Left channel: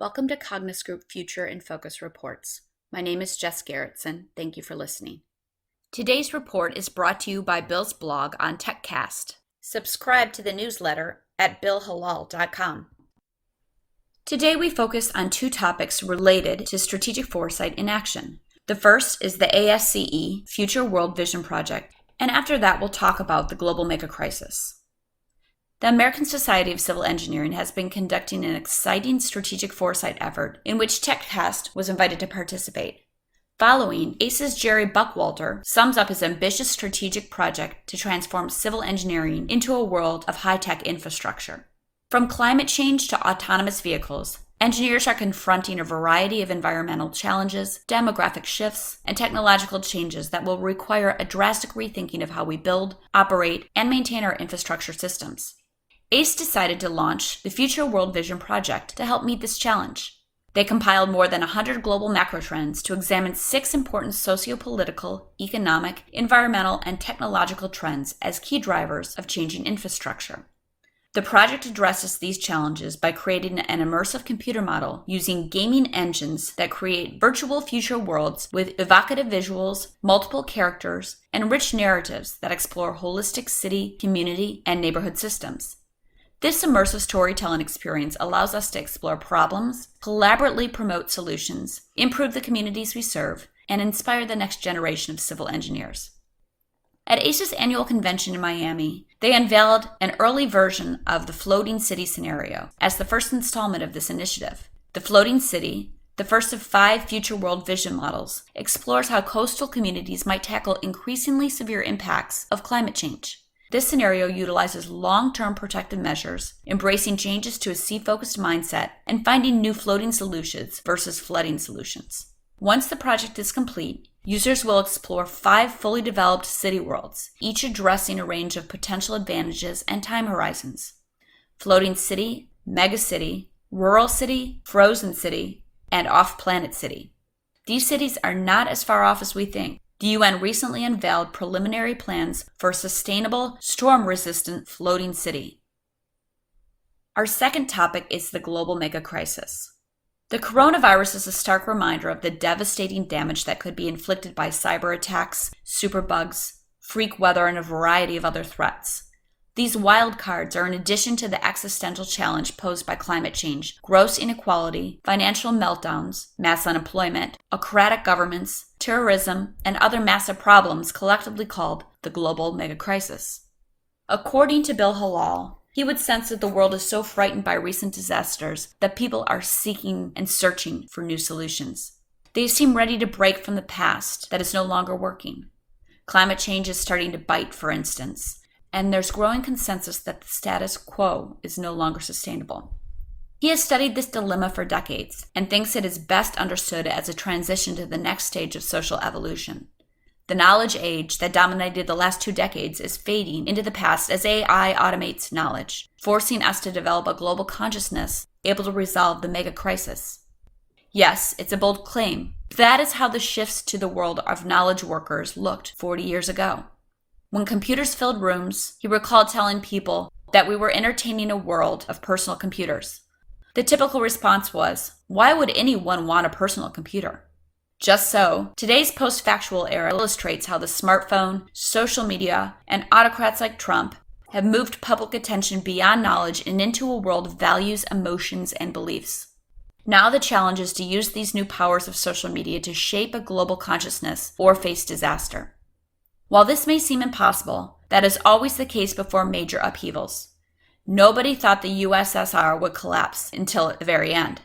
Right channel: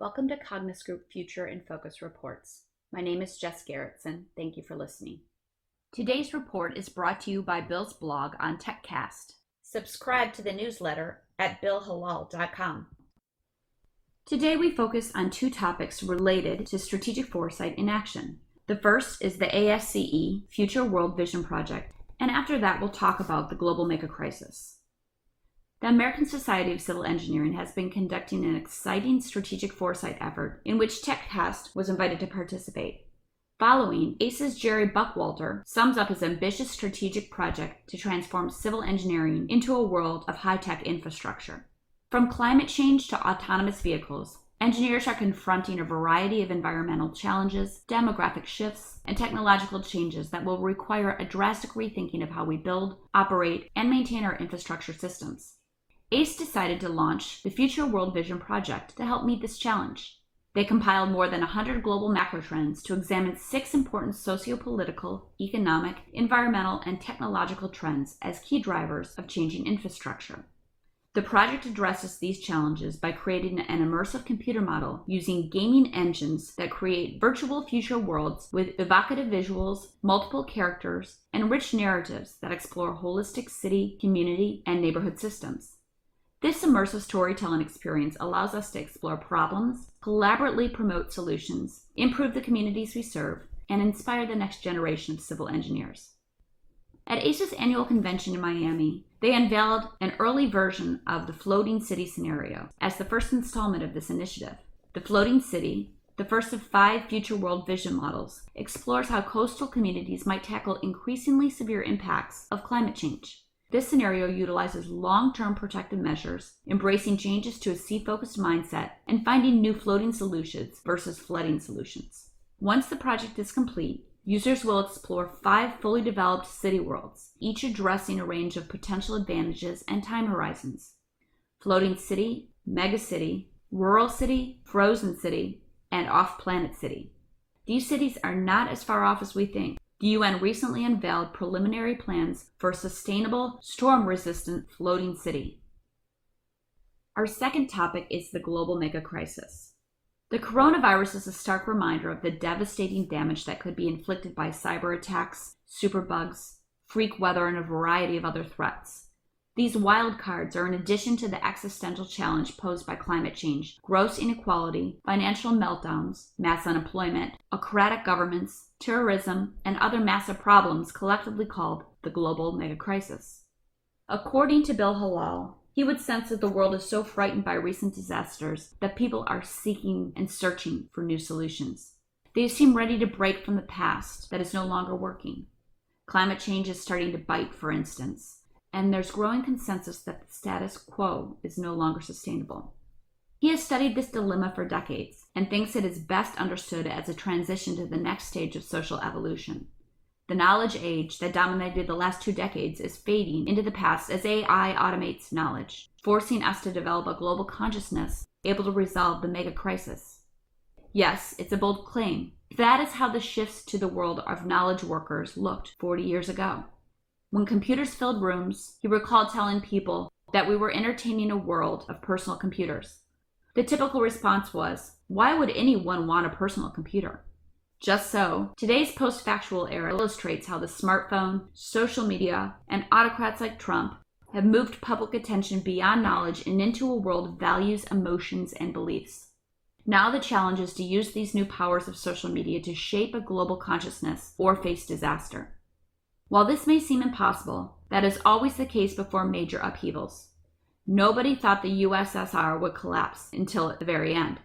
Welcome to Cognis Group Future in Focus Reports. My name is Jess Garrettson. Thank you for listening. Today's report is brought to you by Bill's blog on TechCast. Subscribe to the newsletter at billhalal.com. Today we focus on two topics related to strategic foresight in action. The first is the Asce Future World Vision Project, and after that we'll talk about the global mega crisis. The American Society of Civil Engineering has been conducting an exciting strategic foresight effort in which TechCast was invited to participate. Following, Asce's Jerry Buckwalter sums up his ambitious strategic project to transform civil engineering into a world of high-tech infrastructure. From climate change to autonomous vehicles, engineers are confronting a variety of environmental challenges, demographic shifts, and technological changes that will require a drastic rethinking of how we build, operate, and maintain our infrastructure systems. Asce decided to launch the Future World Vision Project to help meet this challenge. They compiled more than 100 global macro trends to examine 6 important socio-political, economic, environmental, and technological trends as key drivers of changing infrastructure. The project addresses these challenges by creating an immersive computer model using gaming engines that create virtual future worlds with evocative visuals, multiple characters, and rich narratives that explore holistic city, community, and neighborhood systems. This immersive storytelling experience allows us to explore problems, collaboratively promote solutions, improve the communities we serve, and inspire the next generation of civil engineers. At Asce's annual convention in Miami, they unveiled an early version of the Floating City scenario as the first installment of this initiative. The Floating City, the first of 5 future world vision models, explores how coastal communities might tackle increasingly severe impacts of climate change. This scenario utilizes long-term protective measures, embracing changes to a sea-focused mindset, and finding new floating solutions versus flooding solutions. Once the project is complete, users will explore 5 fully developed city worlds, each addressing a range of potential advantages and time horizons. Floating city, megacity, rural city, frozen city, and off-planet city. These cities are not as far off as we think. The UN recently unveiled preliminary plans for a sustainable, storm-resistant floating city. Our second topic is the global mega crisis. The coronavirus is a stark reminder of the devastating damage that could be inflicted by cyber attacks, superbugs, freak weather, and a variety of other threats. These wild cards are in addition to the existential challenge posed by climate change, gross inequality, financial meltdowns, mass unemployment, autocratic governments, terrorism, and other massive problems collectively called the global mega crisis. According to Bill Halal, he would sense that the world is so frightened by recent disasters that people are seeking and searching for new solutions. They seem ready to break from the past that is no longer working. Climate change is starting to bite, for instance, and there's growing consensus that the status quo is no longer sustainable. He has studied this dilemma for decades and thinks it is best understood as a transition to the next stage of social evolution. The knowledge age that dominated the last 2 decades is fading into the past as AI automates knowledge, forcing us to develop a global consciousness able to resolve the mega crisis. Yes, it's a bold claim. That is how the shifts to the world of knowledge workers looked 40 years ago. When computers filled rooms, he recalled telling people that we were entertaining a world of personal computers. The typical response was, why would anyone want a personal computer? Just so, today's post-factual era illustrates how the smartphone, social media, and autocrats like Trump have moved public attention beyond knowledge and into a world of values, emotions, and beliefs. Now the challenge is to use these new powers of social media to shape a global consciousness or face disaster. While this may seem impossible, that is always the case before major upheavals. Nobody thought the USSR would collapse until at the very end.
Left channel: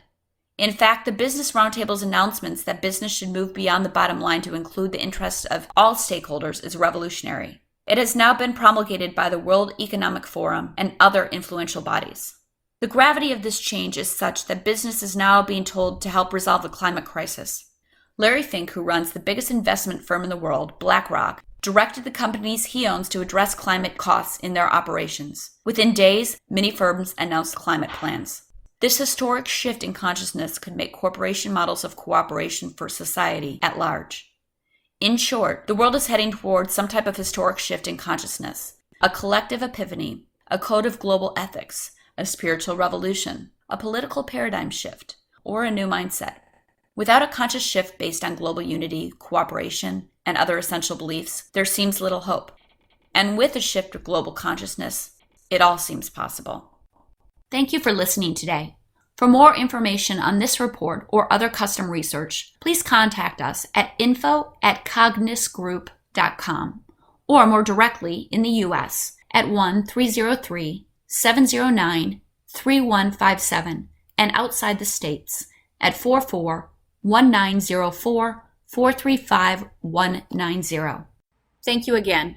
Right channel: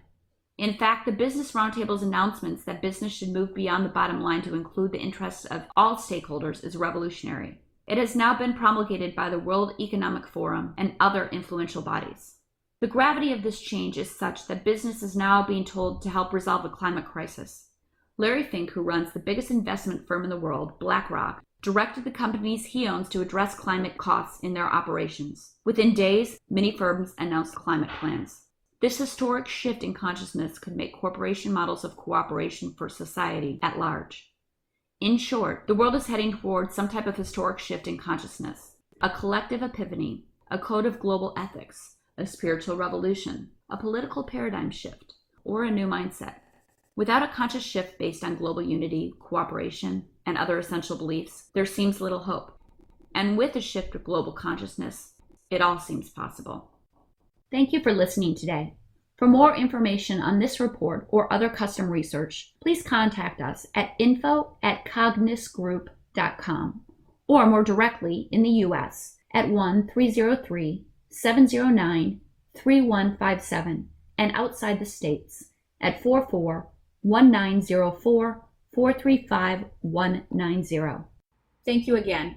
In fact, the Business Roundtable's announcements that business should move beyond the bottom line to include the interests of all stakeholders is revolutionary. It has now been promulgated by the World Economic Forum and other influential bodies. The gravity of this change is such that business is now being told to help resolve the climate crisis. Larry Fink, who runs the biggest investment firm in the world, BlackRock, directed the companies he owns to address climate costs in their operations. Within days, many firms announced climate plans. This historic shift in consciousness could make corporation models of cooperation for society at large. In short, the world is heading towards some type of historic shift in consciousness, a collective epiphany, a code of global ethics, a spiritual revolution, a political paradigm shift, or a new mindset. Without a conscious shift based on global unity, cooperation, and other essential beliefs, there seems little hope. And with a shift of global consciousness, it all seems possible. Thank you for listening today. For more information on this report or other custom research, please contact us at info@cognisgroup.com or more directly in the U.S. at 1-303-709-3157 and outside the states at 44-1904-435-190. Thank you again.